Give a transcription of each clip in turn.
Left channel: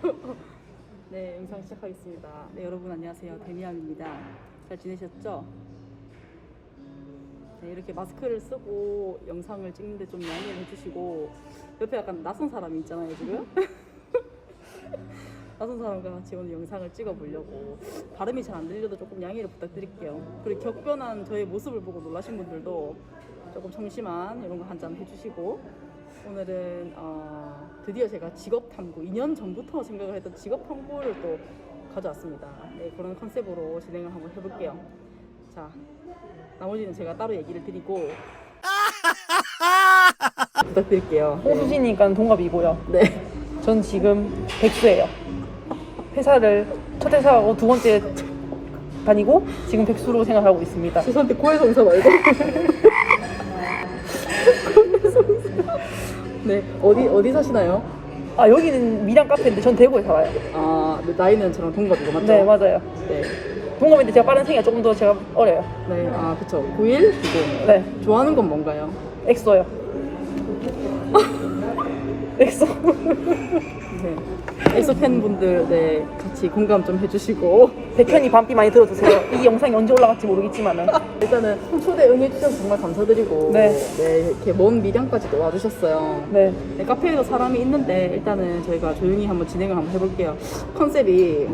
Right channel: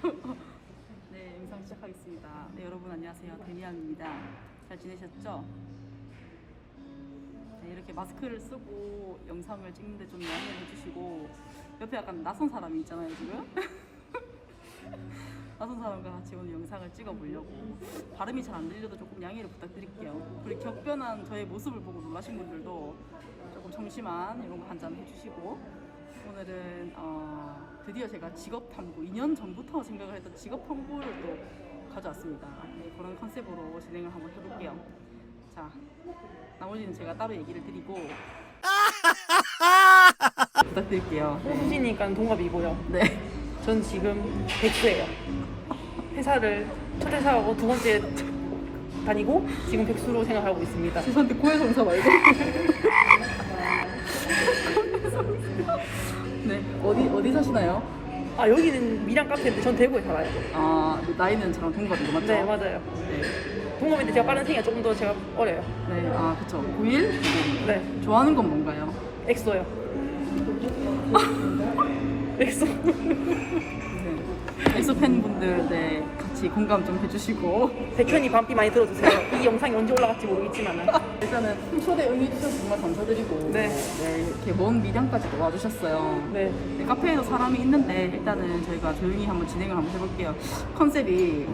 네, 영상 시작하겠습니다. 네, 여러분 안녕하세요. 데미안입니다. 잘 지내셨죠? 네, 이렇게 마스크를 쓰고 영상을 찍는데 좀 양해를 해주시고 옆에 약간 낯선 사람이 있잖아요, 지금. 낯선 사람과 같이 오늘 영상을 찍어보려고 발음이 잘 안 들려도 조금 양해를 부탁드릴게요. 그리고 격변한 저의 모습을 보고 놀라신 분들도 조금 청심한 이런 거 한 잔 해주시고 오늘은 어, 드디어 제가 직업 탐구 2년 전부터 생각을 했던 직업 탐구를 또 가져왔습니다. 네, 그런 컨셉으로 진행을 한번 해볼게요. 자, 나머지는 제가 따로 얘기를 드리고 부탁드릴게요. 네. 호수진이니까 동갑이고요. 네. 전 지금 백수예요. 회사를 첫 회사하고 두 번째 다니고 지금 백수로 생각하고 있습니다. 죄송한데 고해성사 말고. 고해성사. 네, 어디 어디 사시나요? 아 여기는 미랑 카페인데 전 대구에 살아요. 아, 네, 나이는 저랑 동갑이고 맞죠? 네 맞아요. 네. 동갑인데 제가 빠른 생이가 조금 더 제가 어려요. 네, 아, 그쵸. 91, 90. 네 좋아하는 건 뭔가요? 엑소요. 엑소. 네. 엑소 팬분들 네, 같이 공감 좀 해주시고 백현이 밤비 많이 들어주세요. 이 영상이 언제 올라갈지 모르겠지만은 일단은 초대 응해주셔서 정말 감사드리고 네. 이렇게 먼 미량까지도 와주셨어요. 네 네, 카페에도 사람이 있는데 일단은 저희가 조용히 한번 진행을 한번 해볼게요. 컨셉이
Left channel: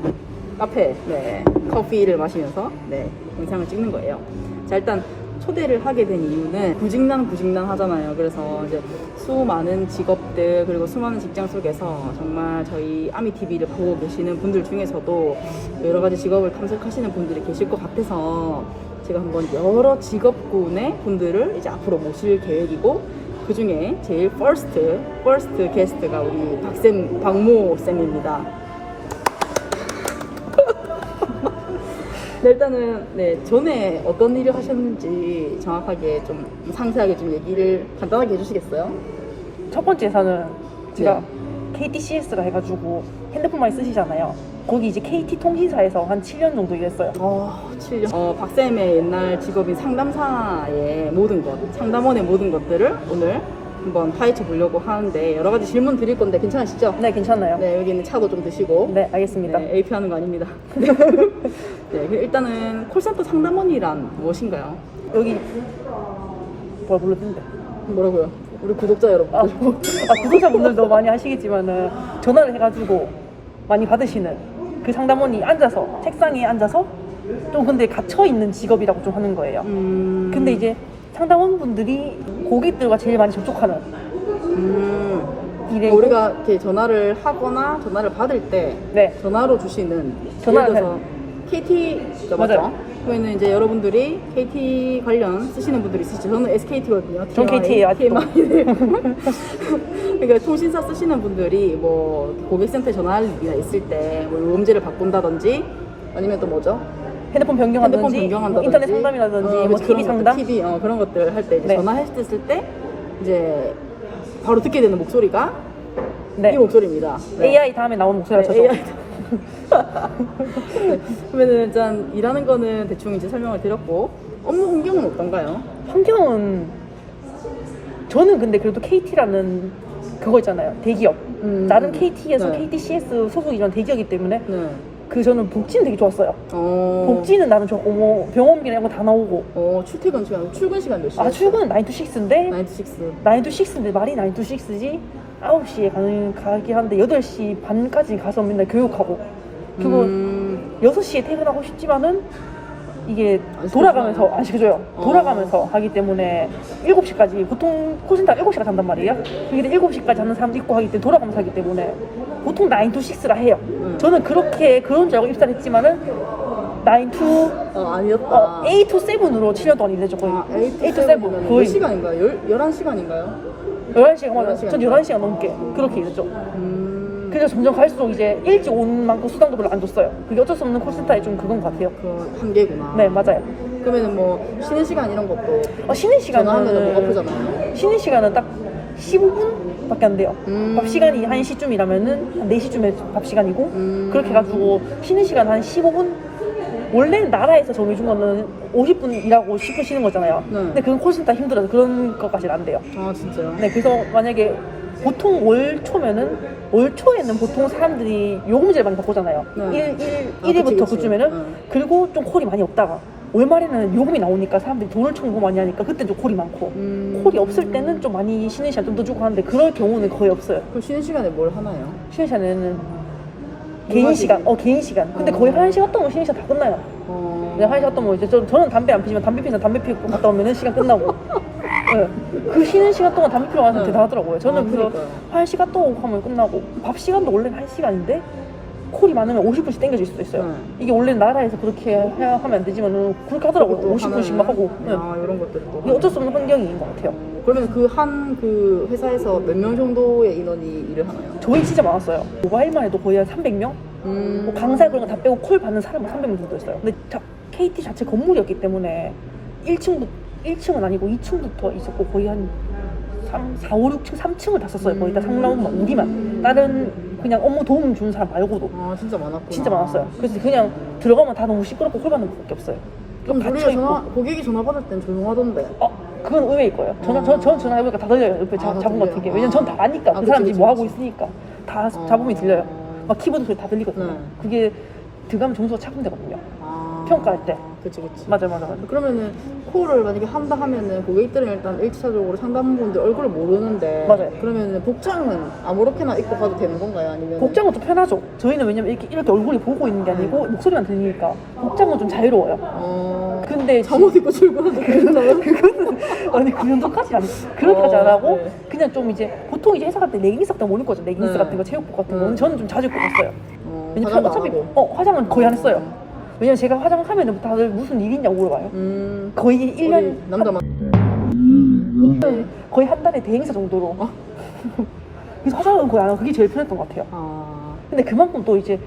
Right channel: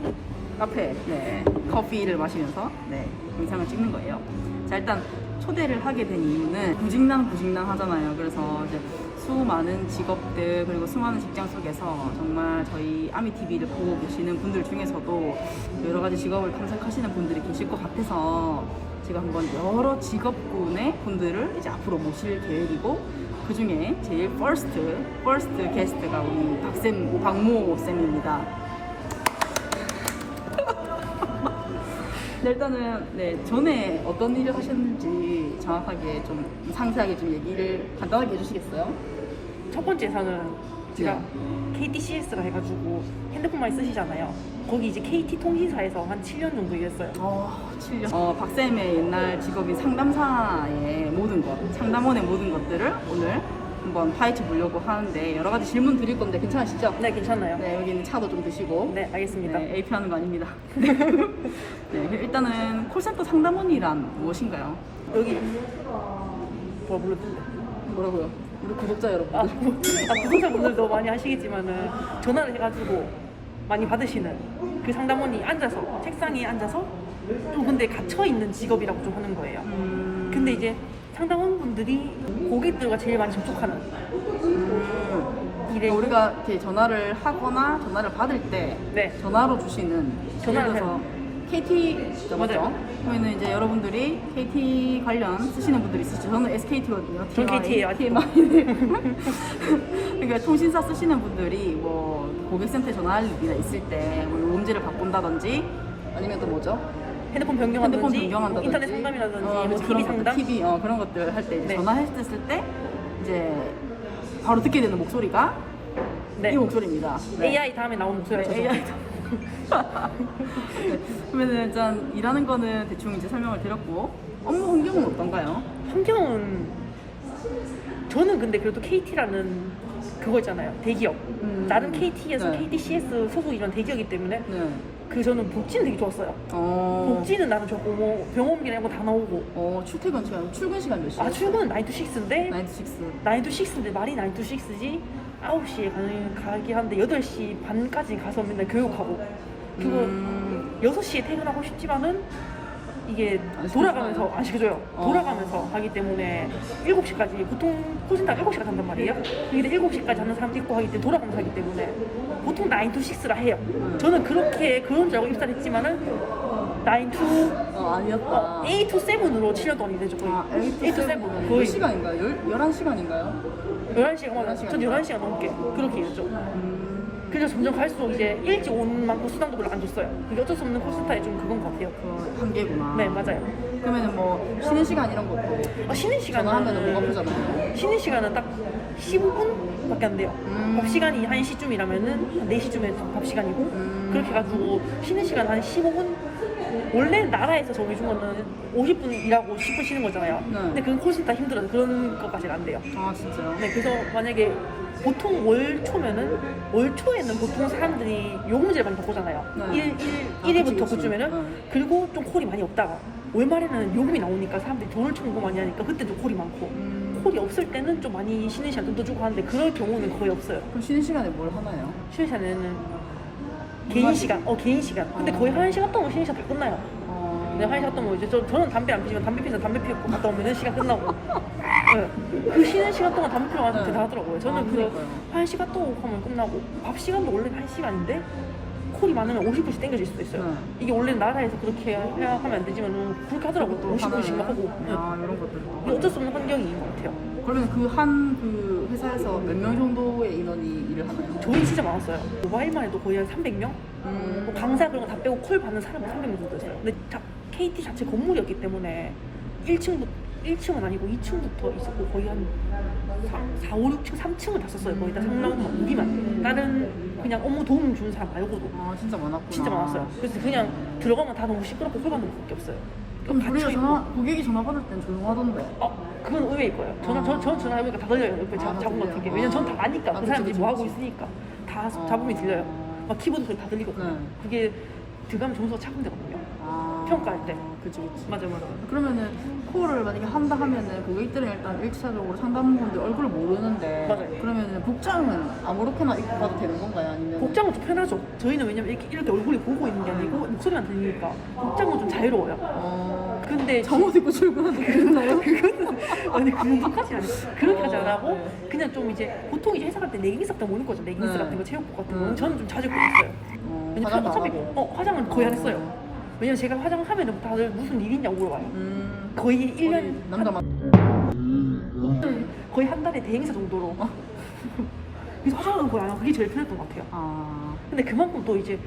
카페, 네, 커피를 마시면서 네, 영상을 찍는 거예요. 자, 일단 초대를 하게 된 이유는 부직난 부직난 하잖아요. 그래서 이제 수많은 직업들 그리고 수많은 직장 속에서 정말 저희 아미 TV를 보고 계시는 분들 중에서도 여러 가지 직업을 탐색하시는 분들이 계실 것 같아서 제가 한번 여러 직업군의 분들을 이제 앞으로 모실 계획이고 그 중에 제일 퍼스트, 퍼스트 게스트가 우리 박쌤, 박모 쌤입니다. 네, 일단은 네 전에 어떤 일을 하셨는지 정확하게 좀 상세하게 좀 얘기를 간단하게 해주시겠어요? 첫 번째 회사는 제가 네. KTCS가 해가지고 핸드폰 많이 쓰시잖아요. 거기 이제 KT 통신사에서 한 7년 정도 일했어요. 어, 7년. 어, 박쌤의 옛날 직업인 상담사의 모든 것, 상담원의 모든 것들을 오늘 한번 파헤쳐 보려고 하는데 여러 가지 질문 드릴 건데 괜찮으시죠? 네 괜찮나요? 네, 여기 있는 차도 좀 드시고. 네 알겠습니다. 네, AP 하는 거 아닙니다. 네. 네, 일단은 콜센터 상담원이란 무엇인가요? 여기 뭐 불렀는데 뭐라고요? 우리 구독자 여러분. 아, 뭐, 아 구독자분들도 많이 하시겠지만은 전화를 해가지고 많이 받으시는 그 상담원이 앉아서 책상에 앉아서 좀 근데 갇혀 있는 직업이라고 좀 하는 거예요. 음, 근데 이제 상담원분들이 고객들과 제일 많이 접촉하는 음, 일에 우리가 이렇게 전화를 하거나 전화를 받을 때 네 전화로 주시는 전화를 예를 들어서 KT 죠 맞죠? 맞아요. 그러면 이제 여러분들이 KT 관련 쓰시는 분들이 있으시죠. 저는 SKT거든요. 전 KT 예요, 아직도. TMI. 그러니까 통신사 쓰시는 분들이 뭐 고객센터에 전화할 일이나 있을 때뭐 요금제를 바꾼다든지 아니면 또 뭐죠? 핸드폰 변경하든지 핸드폰 변경한다든지 인터넷 상담이라든지 어, 뭐 그치, TV 그런 상담 것들, TV 어, 그런 것들 할 때 이제 네. 전화했을 때 이제 바로 듣게 되는 목소리가 네. 이 목소리입니다. 네. AI 다음에 나오는 목소리가 네. AI. 네, 그러면은 일단 일하는 거는 대충 이제 설명을 드렸고 업무 환경은 어떤가요? 환경은 저는 근데 그래도 KT라는 그거 있잖아요 대기업 음, 나름 KT에서 네. KTCS 소속이란 대기업이기 때문에 네. 그 저는 복지는 되게 좋았어요 어. 복지는 나름 좋고 뭐 병원비나 이런 거 다 나오고 어 출퇴근 시간, 출근 시간 몇 시에? 아 출근은 9 to 6인데 9 to 6. 9 to 6인데 말이 9 to 6지 9시에 가는 가긴 한데 8시 반까지 가서 맨날 교육하고 그리고 음, 6시에 퇴근하고 싶지만은 이게 안 돌아가면서? 안 시켜줘요. 어. 돌아가면서 하기 때문에 7시까지 보통 콜센터 7시까지 한단 말이에요. 근데 7시까지 하는 사람도 있고 하기 때문에 돌아가면서 하기 때문에 보통 9 to 6라 해요. 음. 저는 그렇게 그런 줄 알고 입사를 했지만은 9 to 어, 아니었다. 어, A to 7으로 7년 동안. 거의. 아, 8 to 8 to 7 7. 몇 거의 시간인가요? 열, 11시간인가요? 11시간 맞아요. 11시간. 전 11시간 넘게 그렇게 일했죠. 음, 그래서 점점 갈수록 이제 일찍 온 만큼 수당도 별로 안 줬어요. 그게 어쩔 수 없는 콜센터의 좀 그건 것 같아요. 그 한계구나. 네, 맞아요. 그러면은 뭐 쉬는 시간 이런 것도 어, 쉬는 전화하면 시간은 너무 아프잖아요. 쉬는 시간은 딱 15분밖에 안 돼요. 음. 밥 시간이 1시쯤 이라면은 한 4시쯤에 밥 시간이고 음. 그렇게 해가지고 쉬는 시간 한 15분 원래 나라에서 정해준 거는 50분 일하고 10분 쉬는 거잖아요. 네. 근데 그건 콜센터 힘들어서 그런 것까지는 안 돼요. 아 진짜요? 네, 그래서 만약에 보통 월 초면은 월 초에는 보통 사람들이 요금제를 많이 바꾸잖아요. 네. 일 1, 일, 아, 일일부터 그치, 그치. 그쯤에는 네. 그리고 좀 콜이 많이 없다가 월말에는 요금이 나오니까 사람들이 돈을 청구 많이 하니까 그때 좀 콜이 많고 음. 콜이 없을 때는 좀 많이 쉬는 시간 좀 더 주고 하는데 그럴 경우는 거의 없어요. 그럼 쉬는 시간에 뭘 하나요? 쉬는 시간에는 물 개인 마시기. 시간, 어 개인 시간. 근데 어. 거의 한 시간 동안 쉬는 시간 다 끝나요. 어... 그냥 한 시간 동안 이제 저, 저는 담배 안 피지만 담배 피면 담배 피고 갔다 오면은 시간 끝나고. 네. 그 쉬는 시간 동안 담배 피러 가서 네. 대단하더라고요. 저는 아, 그래서 그러니까요. 한 시간 동안 하면 끝나고 밥 시간도 원래는 한 시간인데 콜이 많으면 50분씩 땡겨질 수도 있어요. 네. 이게 원래 나라에서 그렇게 해야 하면 안 되지만은 그렇게 하더라고요. 또 50분씩 막 하고. 네. 아 이런 것들을 또 어쩔 수 없는 환경인 것 같아요. 어, 그러면 그 한 그 회사에서 몇 명 정도의 인원이 일을 하나요? 저희 진짜 많았어요. 모바일만 해도 거의 한 300명? 음... 뭐 강사 그런 거 다 빼고 콜 받는 사람은 300명 정도 있어요. 근데 자, KT 자체 건물이었기 때문에 1층부, 1층은 아니고 2층부터 있었고 거의 한 3, 4, 5, 6층, 3층을 다 썼어요. 거의 다 상라운만 우리만. 다른 그냥 업무 도움 주는 사람 말고도 아 진짜 많았구나 진짜 많았어요. 그래서 그냥 들어가면 다 너무 시끄럽고 콜 받는 것밖에 없어요. 그럼 우리가 갇혀있고. 전화 고객이 전화 받을 땐 조용하던데 어, 그건 의외일 거예요. 전화, 아. 저, 전 전화해보니까 다 들려요. 옆에 자, 아, 다 잡은 들려요? 같은 게. 왜냐면 전 다 아니까. 아, 그 그치, 사람들이 그치, 뭐 하고 그치. 있으니까. 다 어. 잡음이 들려요. 막 키보드 소리 다 들리거든요. 네. 그게 들어가면 점수가 차분되거든요. 아... 평가할 때. 그치 그치 맞아, 맞아, 맞아. 그러면은 콜을 만약에 한다 하면은 고객들은 일단 1차적으로 상담분들 얼굴을 모르는데 맞아요. 그러면은 복장은 아무렇게나 입고 가도 되는 건가요? 아니면 복장은 좀 편하죠. 저희는 왜냐면 이렇게, 이렇게 얼굴이 보고 있는 게 아니고 목소리만 들리니까 복장은 좀 자유로워요. 어... 근데 잠옷 입고 출근하는데 그거는 아니 그 정도까지 그렇게까지 어, 안 하고 네. 그냥 좀 이제 보통 이제 회사 갈 때 레깅스 같은 거 입는 거죠. 레깅스 네. 같은 거 체육복 같은 음. 거는 저는 좀 자주 입고 갔어요. 어, 왜냐면 화장도 안 하고 어 화장은 거의 안 했어요. 왜냐면 제가 화장하면 다들 무슨 일이냐고 물어봐요. 음... 거의 우리 1년 남자만 거의 한 달에 대행사 정도로. 어? 그래서 화장은 거의 안 하고 그게 제일 편했던 것 같아요. 아... 근데 그만큼 또 이제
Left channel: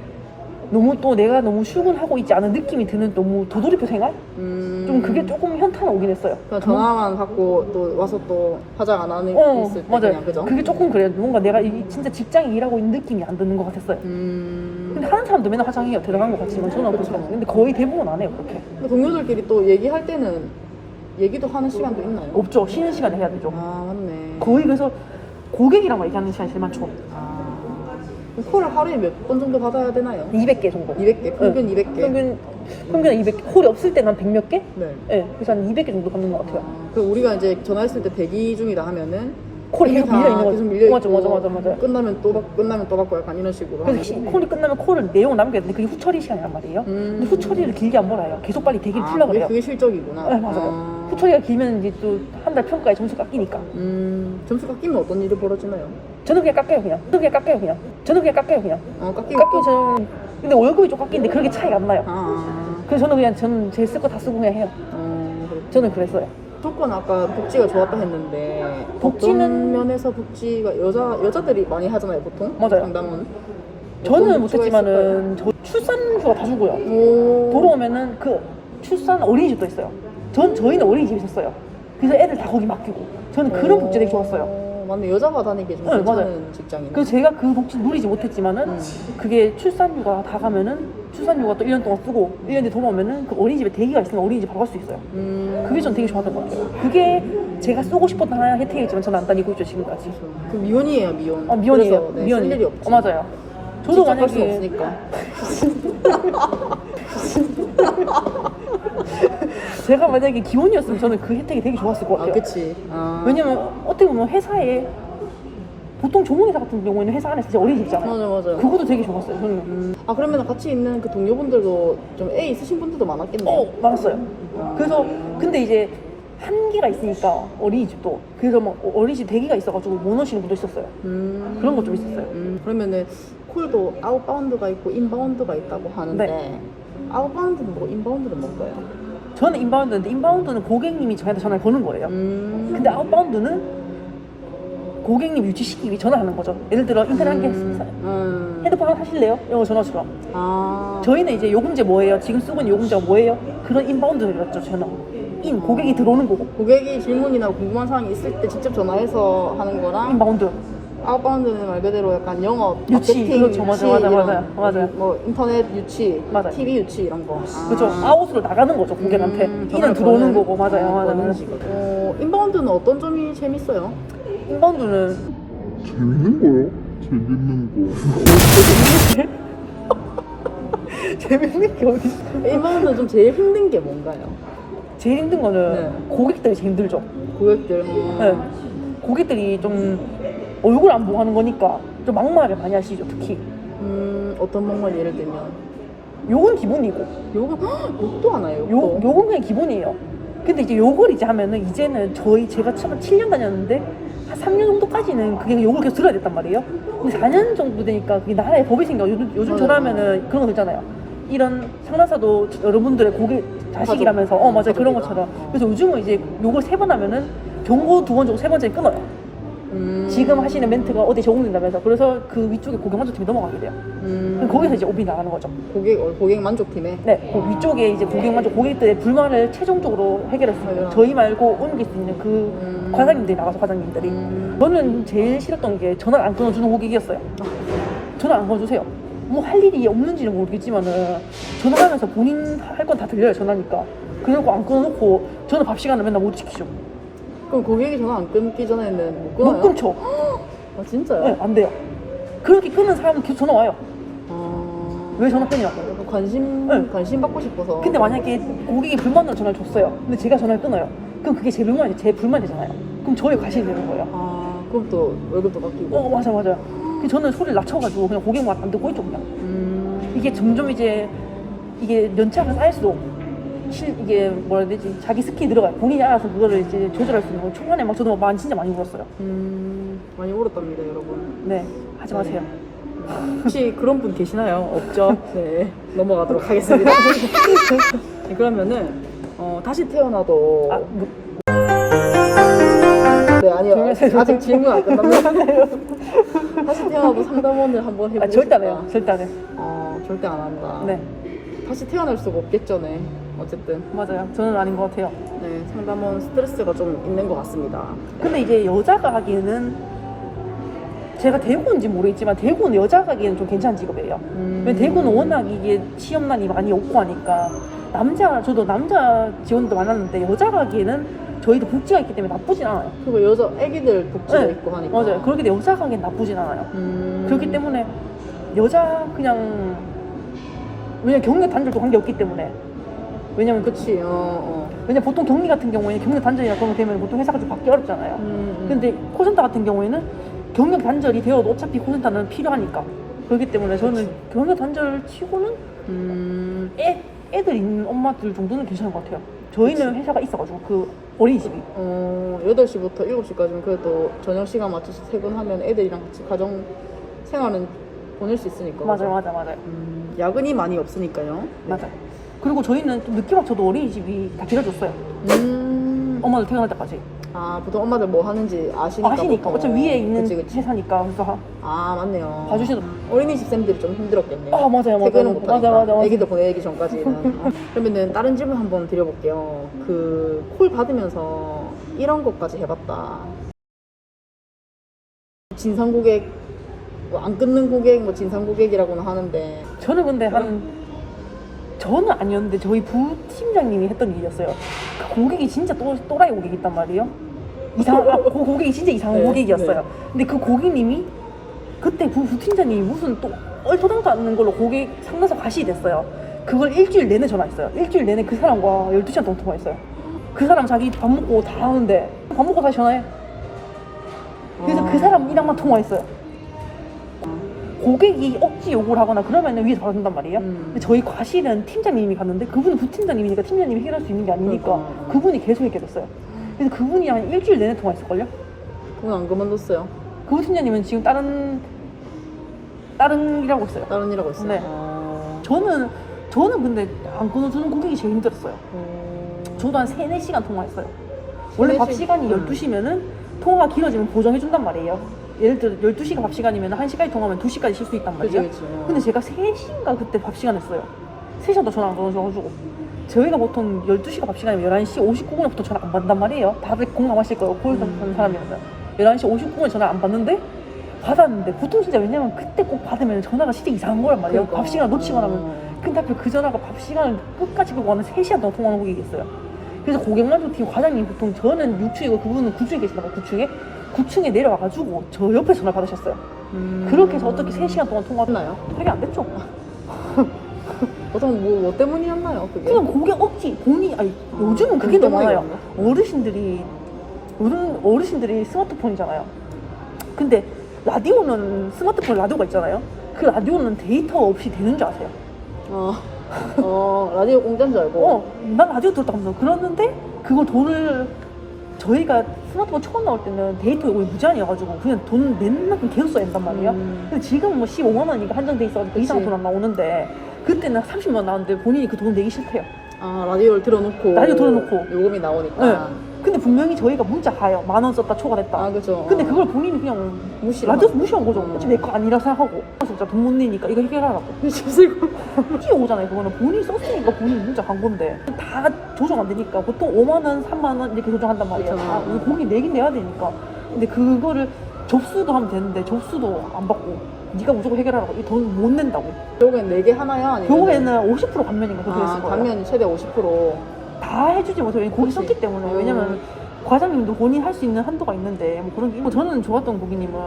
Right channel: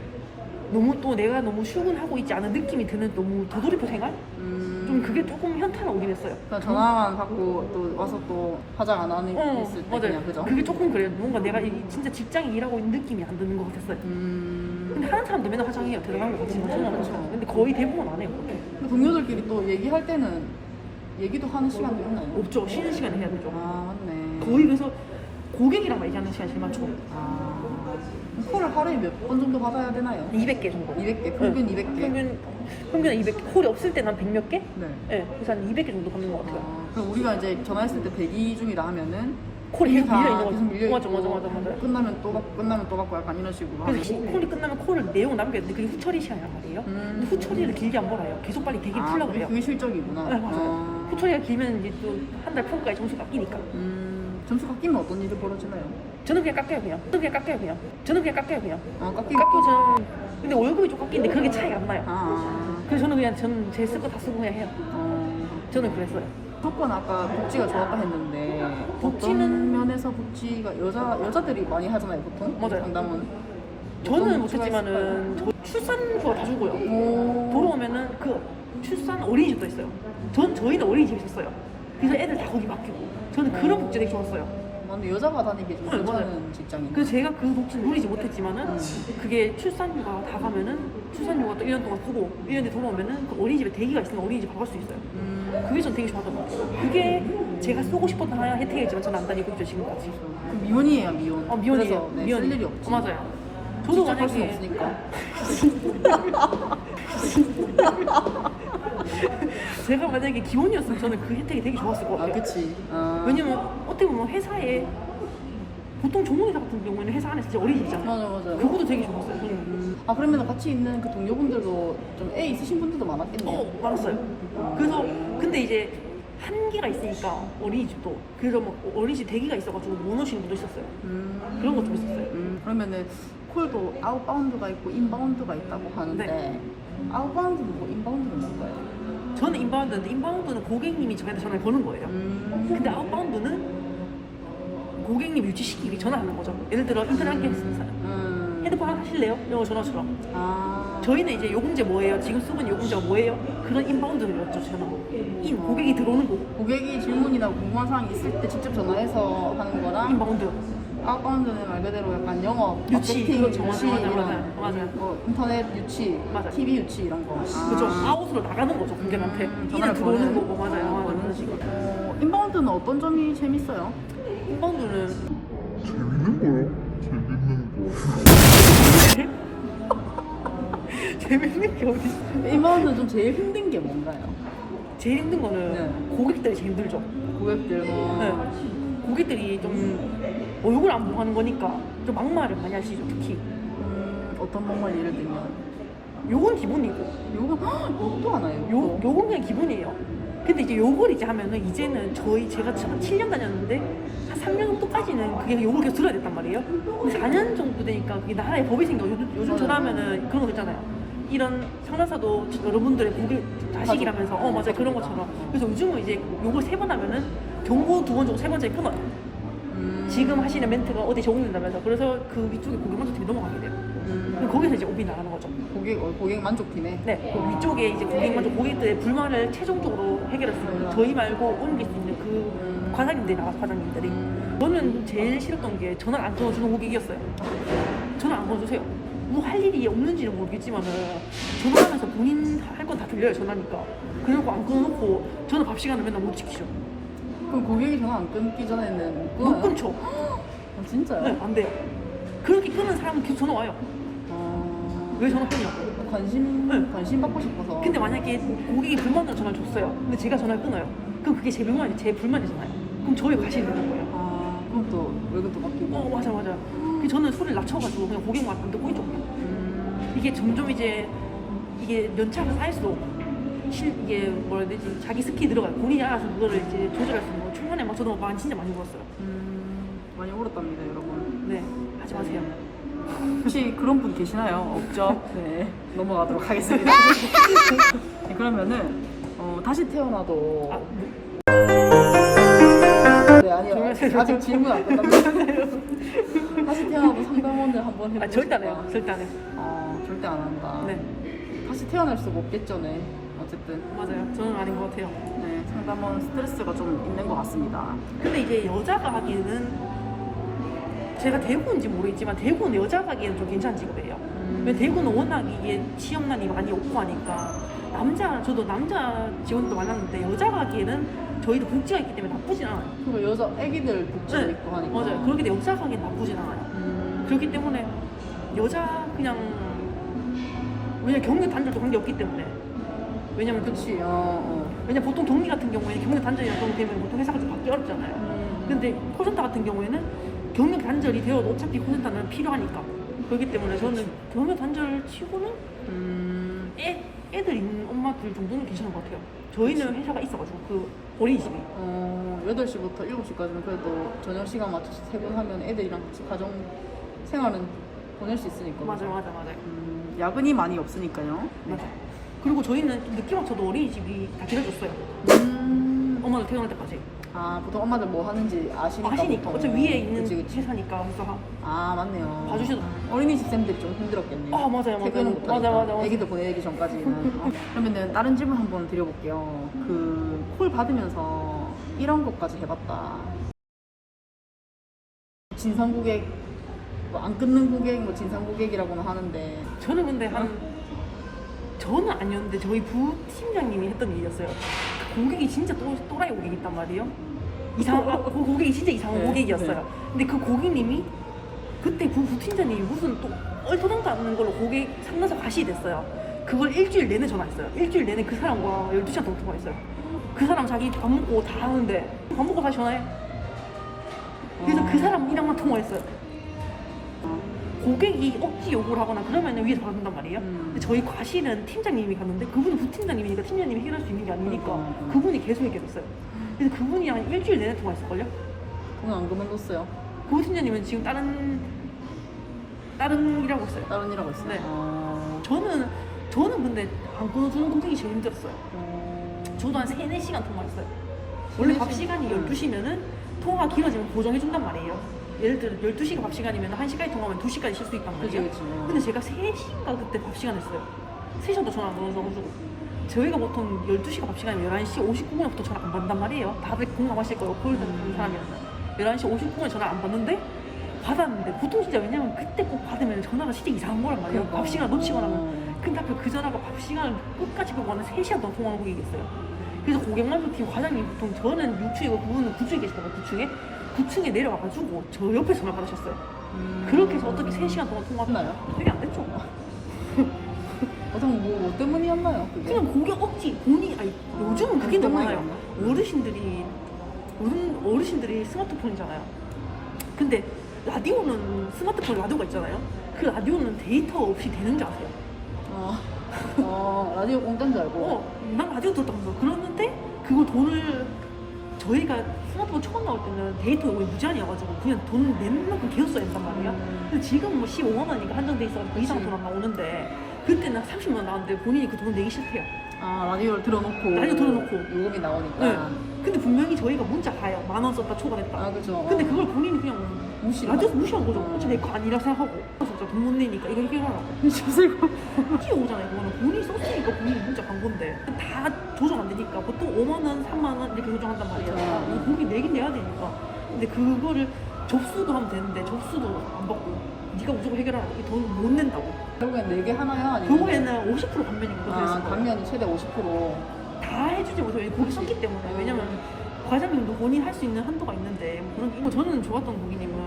너무 또 내가 너무 출근하고 있지 않은 느낌이 드는 너무 도돌이표 생활? 음... 좀 그게 조금 현타는 오긴 했어요. 그냥 전화만 받고 또 와서 또 화장 안 하는 어, 있을 때 맞아요. 그냥 그죠? 그게 조금 그래요. 뭔가 내가 이- 진짜 직장에 일하고 있는 느낌이 안 드는 것 같았어요. 음... 근데 하는 사람도 맨날 화장해요. 들어간 것 같지만 저는 그쵸. 그렇지 않아요. 근데 거의 대부분 안 해요. 그렇게. 근데 동료들끼리 또 얘기할 때는 얘기도 하는 시간도 있나요? 없죠. 쉬는 시간에 해야 되죠. 아 맞네 거의 그래서 고객이랑 얘기하는 시간이 제일 많죠. 아... 콜을 하루에 몇 번 정도 받아야 되나요? 200개 정도. 200개 평균 네. 200개 평균, 평균 200개. 콜이 없을 때는 한 100몇 개? 네 네. 그래서 한 200개 정도 받는 것 같아요. 아, 그럼 우리가 이제 전화했을 때 대기 중이다 하면은 콜이 이미 계속 다 밀려 있는. 계속 밀려 있고 맞아, 맞아, 맞아, 맞아. 끝나면 또 받, 끝나면 또 받고 약간 이런 식으로 하는 그래서 시- 콜이 끝나면 콜을 내용을 남겨야 되는데 그게 후처리 시간이란 말이에요. 음. 근데 후처리를 길게 안 몰아요. 계속 빨리 대기를 아, 풀려고 그게, 해요. 그게 실적이구나 네, 맞아요. 아. 후처리가 길면 이제 또 한 달 평가에 점수 깎이니까. 음, 점수 깎이면 어떤 일이 벌어지나요? 저는 그냥 깎여요, 그냥. 저는 그냥 깎여요, 그냥. 저는 그냥 깎여요, 그냥. 어, 깎이고 깎고 저는 근데 월급이 좀 깎이는데 그렇게 차이가 안 나요. 아, 그래서 저는 그냥 저는 제 쓸 거 다 쓰고 그냥 해요. 어, 그렇구나. 저는 그랬어요. 조건 아까 복지가 좋았다 했는데 복지는- 어떤 면에서 복지가 여자 여자들이 많이 하잖아요 보통 맞아요. 상담은 저는 못했지만은 저 출산휴가 다 주고요. 오 돌아오면은 그 출산 어린이집도 있어요. 전 저희는 어린이집 있었어요. 그래서 애들 다 거기 맡기고 저는 그런 복지 되게 좋았어요. 어, 맞네 여자가 다니기 좀 네, 괜찮은 맞아요. 직장이네 그래서 제가 그 복지 누리지 못했지만은 음. 그게 출산휴가 다 가면은 출산휴가 또 1년 동안 쓰고 1년 뒤에 돌아오면은 그 어린이집에 대기가 있으면 어린이집 바로 갈수 있어요. 음, 그게 전 되게 좋았던 것 같아요. 그게 제가 쓰고 싶었던 하나의 혜택이지만 저는 안 다니고 있죠 지금까지. 그 미혼이에요 미혼 어, 미혼이에요. 그래서 네, 쓸 일이 없지 어, 맞아요. 저도 만약에 없으니까 제가 만약에 기혼이었으면 저는 그 혜택이 되게 좋았을 것아 같아요. 그치 아, 왜냐면 어떻게 보면 회사에 보통 조문회사 같은 경우에는 회사 안에서 진짜 어린이집잖아요. 맞아 맞아 그것도 되게 좋았어요. 저는. 음, 아 그러면 같이 있는 그 동료분들도 좀 애 있으신 분들도 많았겠네요 어, 많았어요. 어. 그래서 근데 이제 한계가 있으니까 어린이집도 그래서 뭐 어린이집 대기가 있어가지고 못 오시는 분도 있었어요. 음. 그런 것좀 있었어요. 음, 그러면은 콜도 아웃바운드가 있고 인바운드가 있다고 하는데 네. 아웃바운드는 뭐 인바운드는 뭔가요? 저는 인바운드인데 인바운드는 고객님이 저한테 전화를 거는 거예요. 음. 근데 아웃바운드는 고객님 유치시키기 위해 전화하는 거죠. 예를 들어 인터넷 한개 했어요. 음. 핸드폰 하나 사실래요? 이런 거 전화처럼. 아. 저희는 이제 요금제 뭐예요? 지금 쓰고 있는 요금제가 뭐예요? 그런 인바운드였죠, 저는. 인, 고객이 들어오는 거고. 고객이 질문이나 궁금한 사항이 있을 때 직접 전화해서 하는 거랑 인바운드. 아웃바운드는 말 그대로 약간 영업, 유치, 마케팅, 그렇죠. 맞아, 유치 맞아, 이런 맞아요. 맞아요. 뭐 인터넷 유치, 맞아요. TV 유치 이런 거. 그죠 아웃으로 나가는 거죠 고객한테 음, 전화를 들어오는 거고 맞아요 어, 맞아요 맞아요. 식으로. 어, 인바운드는 어떤 점이 재밌어요? 인바운드는 재밌는 거요? 재밌는 거. 재밌는 게 어디 있어 인바운드는 좀 제일 힘든 게 뭔가요? 제일 힘든 거는 네. 고객들이 제일 힘들죠 고객들. 어. 네. 고객들이 좀 얼굴 안 보고 하는 거니까 좀 막말을 많이 하시죠 특히 음, 어떤 방말 예를 들면 욕은 기본이고 욕은 헉, 욕도 하나요? 욕, 욕도? 욕은 그냥 기본이에요 근데 이제 욕을 이제 하면은 이제는 저희 제가 처음 7년 다녔는데 한 3년 정도까지는 그게 욕을 계속 들어야 됐단 말이에요 근데 4년 정도 되니까 그게 나라에 법이 생겨 요즘, 요즘 맞아요. 전화하면은 그런 거 있잖아요 이런 상담사도 여러분들의 고객 자식이라면서 어 맞아 요 그런 가족이다. 것처럼 그래서 요즘은 이제 욕을 세 번 하면은 경고 두 번 정도 세 번째 끊어요 음. 지금 하시는 멘트가 어디 적용된다면서 그래서 그 위쪽에 고객 만족팀이 넘어가게 돼요 음. 그럼 거기서 이제 오비 나가는 거죠 고객 어, 고객 만족팀에. 네, 그 위쪽에 이제 고객 만족 고객들의 불만을 최종적으로 해결할 수 있는 해결하는. 저희 말고 옮길 수 있는 그 음. 과장님들이 나가서 과장님들이 음. 저는 제일 싫었던 게 전화를 안 끊어주는 고객이었어요 전화 안 끊어주세요 뭐 할 일이 없는지는 모르겠지만은 전화하면서 본인 할 건 다 들려요 전화니까 그래놓고 안 끊어놓고 저는 밥 시간을 맨날 못 지키죠 그럼 고객이 전화 안 끊기 전에는 못 끊어요? 못 끊죠 아 진짜요? 네, 안 돼요 그렇게 끊는 사람은 계속 전화 와요 아... 왜 전화 끊냐고 관심 네. 관심 받고 싶어서. 근데 만약에 고객이 불만으로 전화를 줬어요. 근데 제가 전화를 끊어요. 그럼 그게 제 불만이 제 불만이 되잖아요. 그럼 저희 과실이 되는 거예요. 아 그럼 또 월급도 바뀌고. 어 맞아 맞아요. 그 저는 소리를 낮춰가지고 그냥 고객만 안 듣고 있죠 그냥. 음. 이게 점점 이제 이게 연차가 쌓일수록 실 이게 뭐라 해야 되지 자기 스킬이 들어가요. 본인이 알아서 그거를 이제 조절할 수 있는 거. 초반에 막 저도 많이 진짜 많이 울었어요. 음. 많이 울었답니다 여러분. 네 하지 마세요. 혹시 그런 분 계시나요? 없죠? 네 넘어가도록 하겠습니다. 네, 그러면은 어, 다시 태어나도 아, 뭐, 네 아니요 아직 질문 안 끝났네요. 다시 태어나도 상담원을 한번 해보고 아 절대 안 싶다. 해요. 절대 안 해. 아 절대 안 한다. 네 다시 태어날 수가 없겠죠, 네. 어쨌든 맞아요. 저는 아닌 것 같아요. 네 상담원 스트레스가 좀 있는 것 같습니다. 근데 이게 여자가 하기에는 제가 대구인지 모르겠지만 대구는 여자가 하기에는 좀 괜찮은 직업이에요. 음. 왜 대구는 워낙 이게 취업난이 많이 없고 하니까 남자 저도 남자 지원도 많았는데 여자가 하기에는 저희도 복지가 있기 때문에 나쁘진 않아요. 그리고 여자 애기들 복지도 네, 있고 하니까 맞아요. 그렇게 돼 여자가 하기엔 나쁘진 않아요. 음. 그렇기 때문에 여자 그냥 왜냐 경력 단절도 관계 없기 때문에 왜냐면 그 그치 어, 어. 왜냐 보통 격리 같은 경우에 경력 단절이나 그런 거 되면 보통 회사가 좀 받기 어렵잖아요. 음, 음. 근데 콜센터 같은 경우에는 경력 단절이 되어도 어차피 콜센터는 필요하니까 그렇기 때문에 저는 그치. 경력 단절 치고는 음. 애, 애들 있는 엄마들 정도는 괜찮은 것 같아요. 저희는 회사가 있어가지고 그 어린이집이 어, 8시부터 7시까지는 그래도 저녁 시간 맞춰서 퇴근하면 애들이랑 같이 가정 생활은 보낼 수 있으니까 맞아요, 그죠? 맞아, 맞아요, 음, 야근이 많이 없으니까요 네. 맞아요. 그리고 저희는 좀 늦게 맞춰도 어린이집이 다 데려줬어요. 음. 엄마들 태어날 때까지. 아 보통 엄마들 뭐 하는지 아시니까 아시니까 보통 어차피 위에 있는 그치, 그치. 회사니까 그래서 아 맞네요 봐주시도. 어린이집 쌤들이 좀 힘들었겠네요 아 맞아요, 맞아요. 퇴근은 맞아, 못하니까 맞아, 맞아. 애기들 보내기 전까지는 어. 그러면은 다른 질문 한번 드려볼게요 그 콜 받으면서 이런 것까지 해봤다 진상 고객 뭐안 끊는 고객 뭐 진상 고객이라고는 하는데 저는 근데 한 저는 아니었는데 저희 부팀장님이 했던 일이었어요. 그 고객이 진짜 또, 또라이 고객이 있단 말이에요. 이상, 아, 그 고객이 진짜 이상한 네, 고객이었어요. 네. 근데 그 고객님이 그때 부, 부팀장님이 무슨 또 얼토당도 않는 걸로 고객 상담사 가시 됐어요. 그걸 일주일 내내 전화했어요. 일주일 내내 그 사람과 12시간 동안 통화했어요. 그 사람 자기 밥 먹고 다 하는데 밥 먹고 다시 전화해. 그래서 아. 그 사람이랑만 통화했어요. 고객이 억지 요구를 하거나 그러면 위에서 받는단 말이에요. 음. 근데 저희 과실은 팀장님이 갔는데 그분은 부팀장님이니까 팀장님이 해결할 수 있는 게 아니니까 그러니까, 음. 그분이 계속 있게 됐어요. 그래서 그분이 한 일주일 내내 통화했을걸요? 그건 안 그만뒀어요 그 부팀장님은 지금 다른 다른 일하고 있어요. 다른 일 하고 있어요 네. 아. 저는 저는 근데 안 끊어주는 고객이 제일 힘들었어요. 어. 저도 한 3, 4시간 통화했어요. 원래 밥3-4 시간이 음. 12시면은 통화가 길어지면 보정해준단 말이에요. 예를 들어 12시가 밥 시간이면 1시까지 통화하면 2시까지 쉴 수 있단 말이에요. 그치 어. 근데 제가 3시인가 그때 밥 시간 했어요. 3시간도 전화 안 걸어줘가지고. 저희가 보통 12시가 밥 시간이면 11시 59분부터 전화 안 받단 말이에요. 다들 공감하실 거예요. 콜 음. 받는 사람이라면. 11시 59분에 전화 안 받는데 받았는데 보통 진짜 왜냐면 그때 꼭 받으면 전화가 진짜 이상한 거란 말이에요. 그러니까. 밥 시간 놓치거나 하면. 음. 근데 하필 그 전화가 밥 시간을 끝까지 보고 하는 3시간 동안 통화하는 분이 있어요. 그래서 고객 만족 팀 과장님 보통 저는 6층이고 그분은 9층에 계시다가 9층에 9층에 내려와가지고 저 옆에 전화 받으셨어요. 음. 그렇게 해서 어떻게 3시간 동안 통화했나요? 했나요? 되게 안 됐죠. 보통 뭐, 뭐 때문이었나요 그게? 그냥 고객 억지 본인 아니 요즘은 그게 그더 많아요. 때문이겠네. 어르신들이 어른 어르신들이 스마트폰이잖아요. 근데 라디오는 스마트폰 라디오가 있잖아요. 그 라디오는 데이터 없이 되는 줄 아세요? 어, 어 라디오 공짜인 줄 알고 어, 난 라디오 들었다면서 그러는데 그거 돈을 저희가 스마트폰 처음 나올 때는 데이터 이거 무제한이어가지고 그냥 돈 낸 만큼 계속 써야 된단 말이에요. 음. 근데 지금은 뭐 15만 원이니까 한정돼 있어가지고 그 이상. 돈 안 나오는데 그때는 30만 원 나왔는데 본인이 그 돈 내기 싫대요. 아 라디오를 틀어놓고 라디오 틀어놓고. 요금이 나오니까 근데 분명히 저희가 문자 가요. 만 원 썼다 초과됐다. 아 그죠 근데 그걸 본인이 그냥 무시를 라디오 하나? 무시한 거죠. 음. 어차피 내 거 아니라 생각하고. 진짜 돈 못 내니까 이거 해결하라고. 주세요 뛰어오잖아요. 그거는 본인이 썼으니까 본인이 문자 간 건데 다 조정 안 되니까 보통 5만 원, 3만 원 이렇게 조정한단 말이에요. 그쵸. 아, 이 본인 내긴 내야 되니까. 근데 그거를 접수도 하면 되는데 접수도 안 받고 네가 무조건 해결하라고 이 돈 못 낸다고. 결국엔 4개 하나요? 아니면 결국에는 50% 감면인가 그렇게 아 거예요. 감면이 최대 50%다 해주지 못해요. 왜냐면 거기 그치. 썼기 때문에. 음. 왜냐면 과장님도 본인 할 수 있는 한도가 있는데 뭐 그런 게 있고 저는 좋았던 고객님은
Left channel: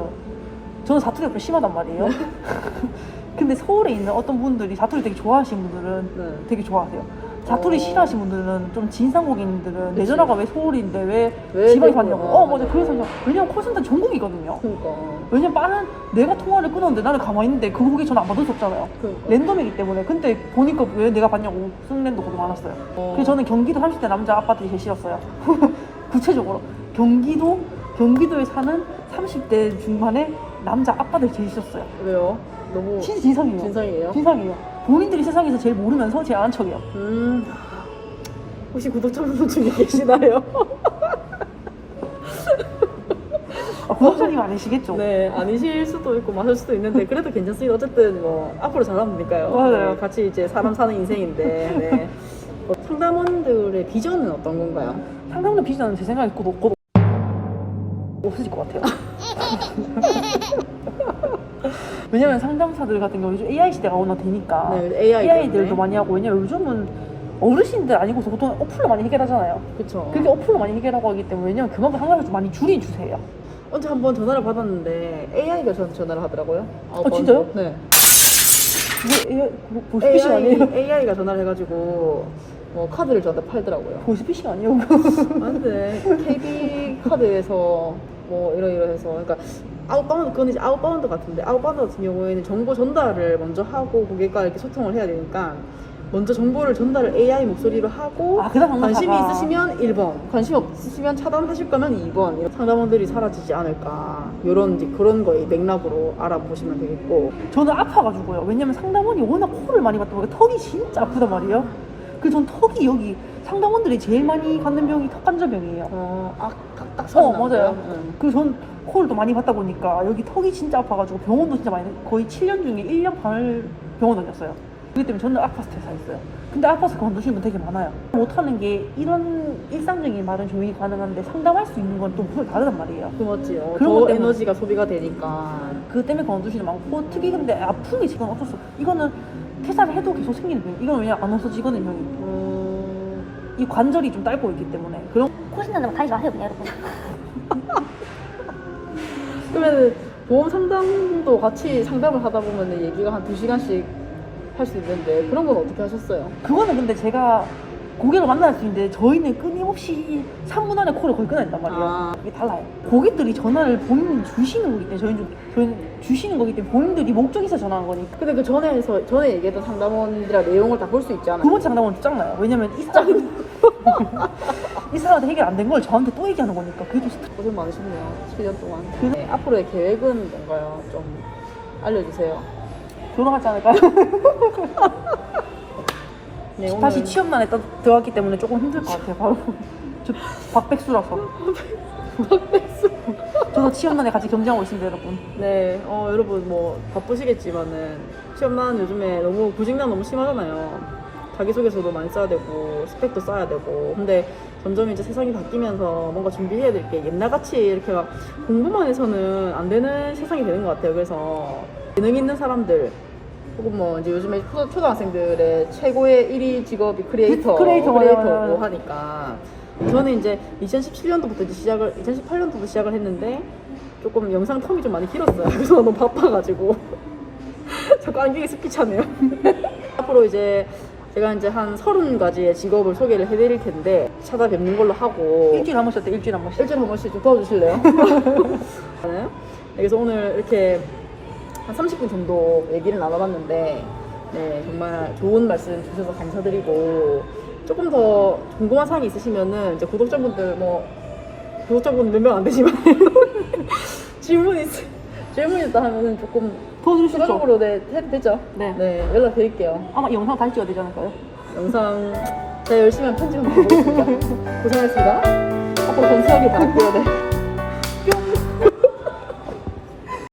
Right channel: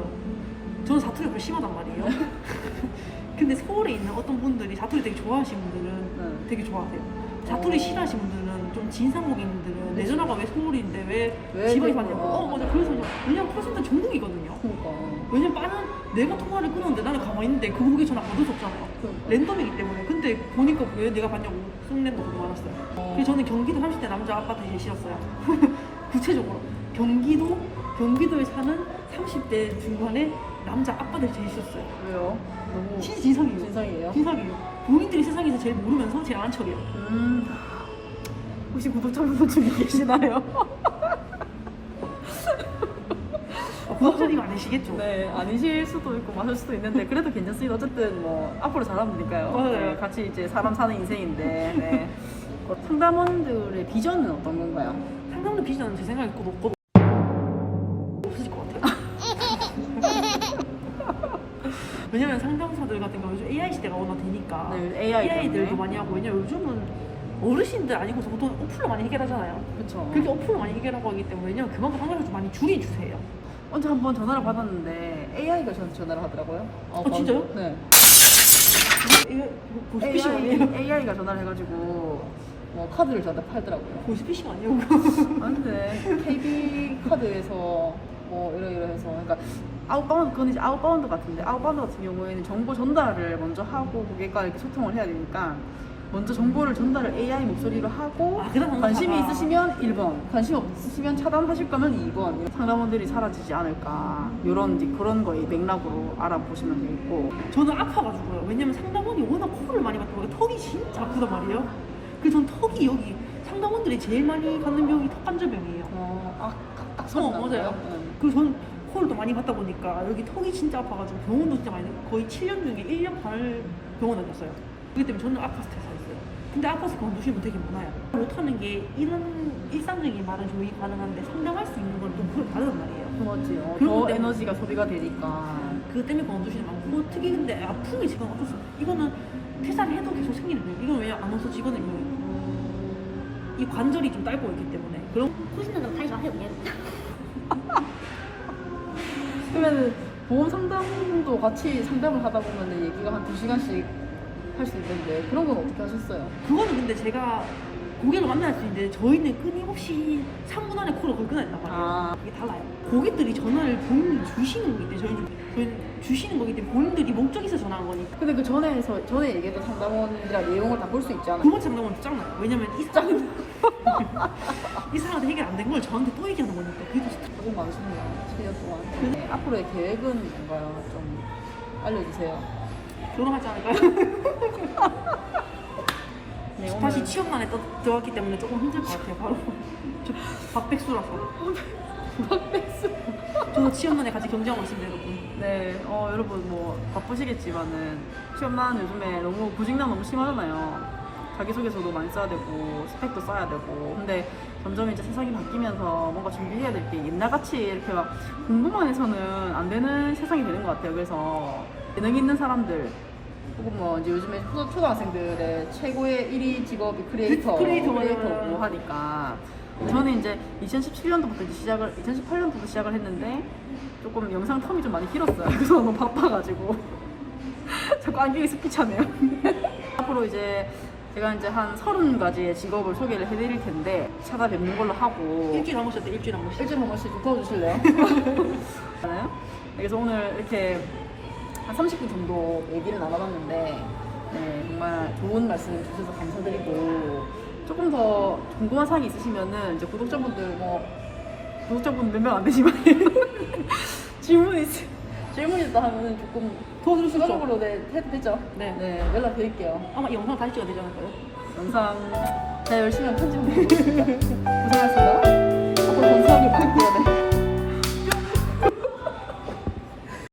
저는 사투리 옆에 심하단 말이에요. 근데 서울에 있는 어떤 분들이 사투리 되게 좋아하시는 분들은 네. 되게 좋아해요. 사투리 어. 싫어하시는 분들은 좀 진상 고객님들은 내 그치. 전화가 왜 서울인데 왜, 왜 지방에. 사냐고. 어 맞아. 그래서 그냥 왜냐면 콜센터 전국이거든요. 그러니까 왜냐면 빠른 내가 통화를 끊었는데 나는 가만히 있는데 그 고객 전화 안 받을 수 없잖아요. 그러니까 랜덤이기 때문에 근데 보니까 왜 내가 받냐고 그거 많았어요. 어. 그래서 저는 경기도 30대 남자 아파트에 제일 싫었어요. 구체적으로 경기도 경기도에 사는 30대 중반의 남자 아빠들 제일 싫었어요. 왜요? 너무 진상이에요. 진상이에요? 진상이에요. 본인들이 세상에서 제일 모르면서 제일 아는 척이에요. 음 혹시 구독자분 중에 계시나요? 아, 구독자님 아니시겠죠? 네 아니실 수도 있고 맞을 수도 있는데 그래도 괜찮습니다 어쨌든 뭐 앞으로 잘하면 되니까요 맞아요. 네, 같이 이제 사람 사는 인생인데 네. 어, 상담원들의 비전은 어떤 건가요? 상담원 비전은 제 생각에 곧 없고 없어질 것 같아요. 왜냐면 상담사들 같은 경우 요즘 AI 시대가 워낙 되니까 네 AI AI들도 때문에 많이 하고 왜냐면 요즘은 어르신들 아니고서 보통 어플로 많이 해결하잖아요. 그쵸 그렇게 어플로 많이 해결하고 하기 때문에 왜냐면 그만큼 한가를 좀 많이 줄여주세요. 언제 한 번 전화를 받았는데 AI가 저한테 전화를 하더라고요 어, 번 진짜요? 네 이게 AI, 뭐, 아니에요? AI가 전화를 해가지고 뭐 카드를 저한테 팔더라고요 보이스피싱 아니에요? 아 근데 KB 카드에서 뭐 이러 이러해서 그러니까 아웃바운드 그건 이제 아웃바운드 같은데 아웃바운드 같은 경우에는 정보 전달을 먼저 하고 고객과 이렇게 소통을 해야 되니까 먼저 정보를 전달을 AI 목소리로 하고 아, 그다음 관심이. 있으시면 1번 관심 없으시면 차단하실 거면 2번 이런 상담원들이 사라지지 않을까 이런 이제 그런 거의 맥락으로 알아보시면 되겠고 저는 아파가지고요. 왜냐면 상담원이 워낙 코를 많이 받다 보니까 턱이 진짜 아프단 말이에요. 그래서 전 턱이 여기 상담원들이 제일 많이 갖는 병이 턱관절병이에요. 어, 아, 딱어 소리 맞아요. 응. 그래서 전 코를 또 많이 받다 보니까 여기 턱이 진짜 아파가지고 병원도 진짜 많이 거의 7년 중에 1년 반을 병원 다녔어요. 그렇기 때문에 저는 아파서 퇴사했어요. 근데 아파서 그만두시는 분 되게 많아요. 못하는 게 이런 일상적인 말은 조용히 가능한데 상담할 수 있는 건 또 무슨 다르단 말이에요. 그. 그런 것더 때문에. 에너지가 소비가 되니까. 그 때문에 그만두시는 많고 특히 근데 아픈 게 지금 어쩔 수 없어. 이거는 퇴사를 해도 계속 생기는 병. 이건 왜냐 안 없어지거든요. 음, 이 관절이 좀 딸고 있기 때문에 그런 코신다는 다니지 마세요, 그냥 여러분. 그러면 보험 상담도 같이 상담을 하다 보면 얘기가 한 두 시간씩 할 수 있는데 그런 건 어떻게 하셨어요? 그거는 근데 제가 고객을 만날 수 있는데 저희는 끊임없이 3분 안에 콜을 거의 끊어야 된단 말이에요. 아. 그게 달라요. 고객들이 전화를 본인이 주시는 거기 때문에 저희는, 좀- 저희는 주시는 거기 때문에 본인들이 목적이 있어 전화한 거니까. 근데 그 전에서 전에 얘기했던 상담원들이랑 내용을 다 볼 수 있잖아요. 두 번째 상담은 짱나요. 왜냐면 이 사람 이 사람한테 해결 안 된 걸 저한테 또 얘기하는 거니까 그게 좀 스트레스. 고생 많으셨네요. 7년 동안. 네, 앞으로의 계획은 뭔가요? 좀 알려주세요. 결혼하지 않을까요? 네, 오늘 다시 취업난에 떠- 들어갔기 때문에 조금 힘들 것 같아요. 바로 저 박백수라서. 박백수. 저도 취업난에 같이 경쟁하고 있습니다, 여러분. 네, 어, 여러분 뭐 바쁘시겠지만은 취업난 요즘에 너무 구직난 너무 심하잖아요. 자기소개서도 많이 써야 되고 스펙도 써야 되고 근데 점점 이제 세상이 바뀌면서 뭔가 준비해야 될 게 옛날같이 이렇게 막 공부만 해서는 안 되는 세상이 되는 것 같아요 그래서 재능 있는 사람들 혹은 뭐 이제 요즘에 초, 초등학생들의 최고의 1위 직업이 크리에이터, 크리에이터, 크리에이터고 맞아요. 하니까 저는 이제 2017년도부터 이제 시작을 2018년도부터 시작을 했는데 조금 영상 텀이 좀 많이 길었어요. 그래서 너무 바빠가지고 자꾸 안경이 습기 차네요. 앞으로 이제 제가 이제 한 서른 가지의 직업을 소개를 해드릴 텐데 찾아뵙는 걸로 하고 일주일에 한 번씩 어때? 일주일에 한 번씩. 일주일에 한 번씩 좀 도와주실래요? 저는 그래서 오늘 이렇게 한 30분 정도 얘기를 나눠봤는데 네 정말 좋은 말씀 주셔서 감사드리고 조금 더 궁금한 사항이 있으시면은 이제 구독자분들 뭐 구독자분 몇 명 안 되지만 질문 있 질문 있다 하면은 조금 있죠. 추가적으로 네 해도 되죠? 네. 네 연락 드릴게요. 아마 영상 다시 찍어야 되지 않을까요? 영상 제가 열심히 한 편집 한번 해보겠습니다. 고생하셨습니다. 앞으로 건수하길 바랄게요. 네.